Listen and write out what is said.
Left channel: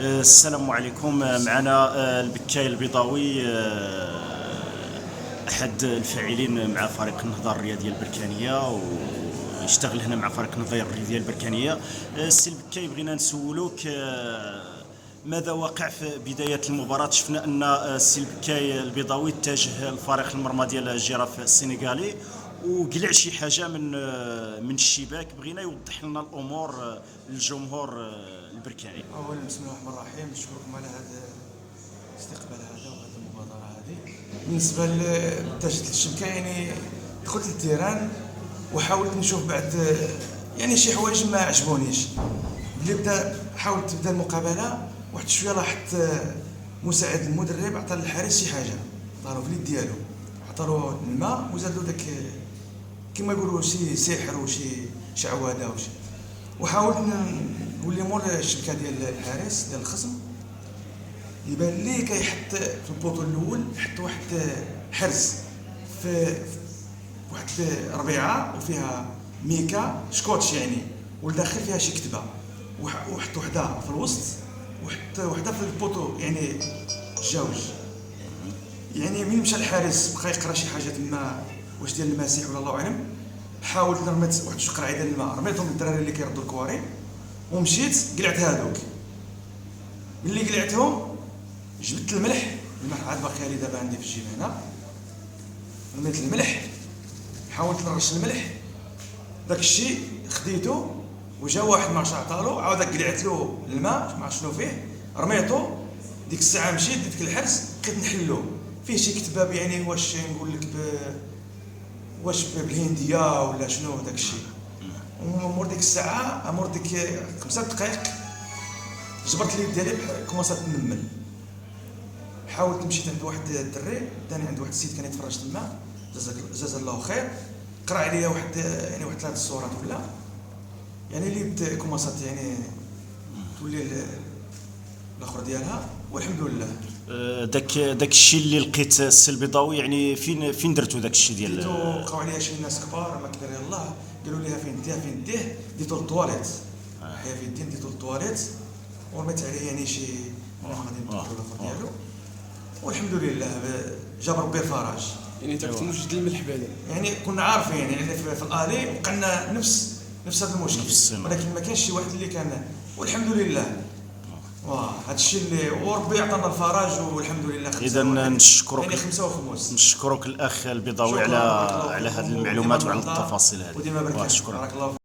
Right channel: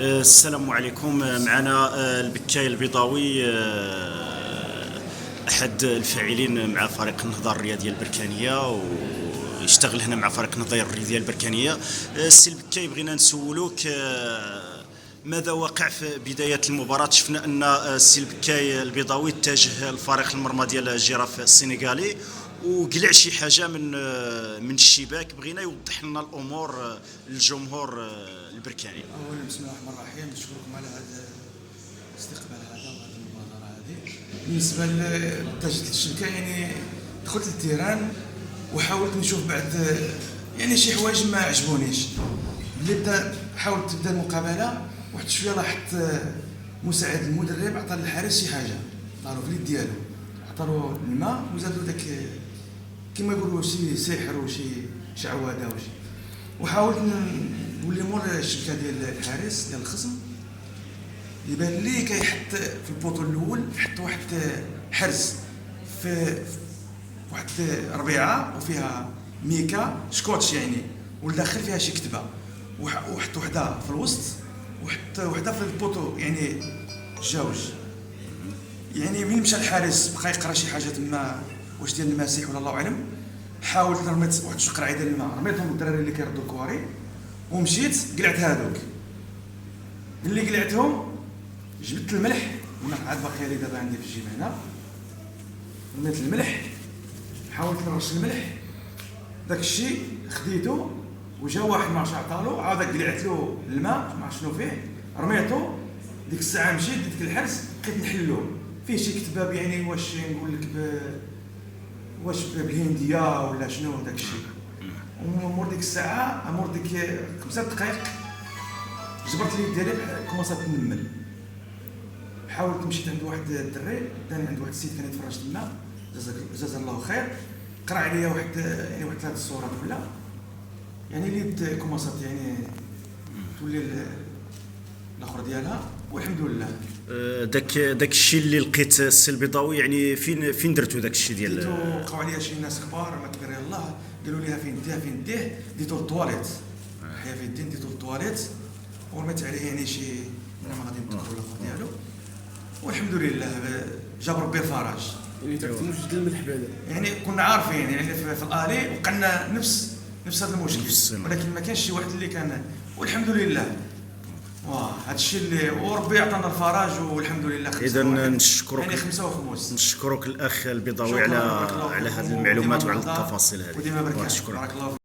السلام عليكم. معنا البكاي البيضاوي، أحد الفاعلين مع فريق النهضة الرياضية البركانية، ويشتغل هنا مع فريق النهضة الرياضية البركانية. السي البكاي، بغينا نسولوك ماذا وقع في بداية المباراة؟ شفنا أن السي البكاي البيضاوي اتجه لفريق المرمى ديال الجيراف السنغالي وقلع شي حاجة من الشباك. بغينا يوضح لنا الأمور للجمهور البركاني. اولا بسم الله الرحمن الرحيم، نشكركم على هذا الاستقبال هذا وهذه المبادره هذه. بالنسبه لتجديد الشبكه، يعني دخلت للتيران وحاولت نشوف بعد يعني شي حوايج ما عجبونيش. اللي حاولت تبدا المقابله، واحد شويه لاحظت مساعد المدرب عطى للحارس شي حاجه، عطالو في اليد ديالو، عطالو الماء وزادلو داك كما يقولوا شي سحر وشي شعوذه وشي. وحاولت نولي مور الشبكه ديال الحارس ديال الخصم، يبان لي كيحط في البوطو الاول يحط واحد حرز في واحد ربيعه وفيها ميكا سكوتش يعني، والداخل فيها شي كتبه، وحط وحده في الوسط وحط وحده في البوطو، يعني جوج. يعني من مشى الحارس بقى يقرا شي حاجه تما، واش ديال المسيح ولا الله اعلم. حاولت رميت واحد شويه قرعه ديال الماء، رميتهم للدراري اللي كيردوا الكواري، ومشيت قلعت هذوك. ملي قلعتهم جبت الملح عاد باقي لي دابا عندي في الجيب هنا، رميت الملح، حاولت نرش الملح، داك الشيء خديته. وجا واحد ما عرفتش عطالو، عاود قلعت له الماء ما عرفت شنو فيه، رميته. ديك الساعه مشيت ديك الحرس بقيت نحلو فيه شي كتباب، يعني واش نقول لك واش بالهنديه ولا شنو داك الشيء. ومور ديك الساعه، مور ديك 5 دقائق، جبرت اليد ديالي كومونسات تنمل. حاولت مشيت عند واحد الدري داني، عند واحد السيد كان يتفرج تما، جزاه الله خير، قرا عليا واحد يعني واحد 3 الصورات ولا يعني اليد كومونسات يعني تولي الاخر ديالها، والحمد لله. داك الشيء اللي لقيت السي البيضاوي، يعني فين درتو داك الشيء ديال؟ وقعوا عليا شي ناس كبار ما كبر يلاه، قالوا لي فين ديه، ديتو للطواليت، حيا في الدين ديتو للطواليت، ورميت عليه يعني شي غادي ندخل الاخر ديالو، والحمد لله جاب ربي الفرج. يعني انت كنت موجد الملح بعدا، يعني كنا عارفين يعني في الالي وقلنا نفس هذا المشكل، ولكن ما كانش شي واحد اللي كان، والحمد لله. هذا الشيء اللي وربي عطانا الفرج والحمد لله. اذا نشكرك، يعني 5 وخموس. نشكرك الاخ البيضاوي على هذه المعلومات وعلى التفاصيل هذه. وديما بركة. شكرا.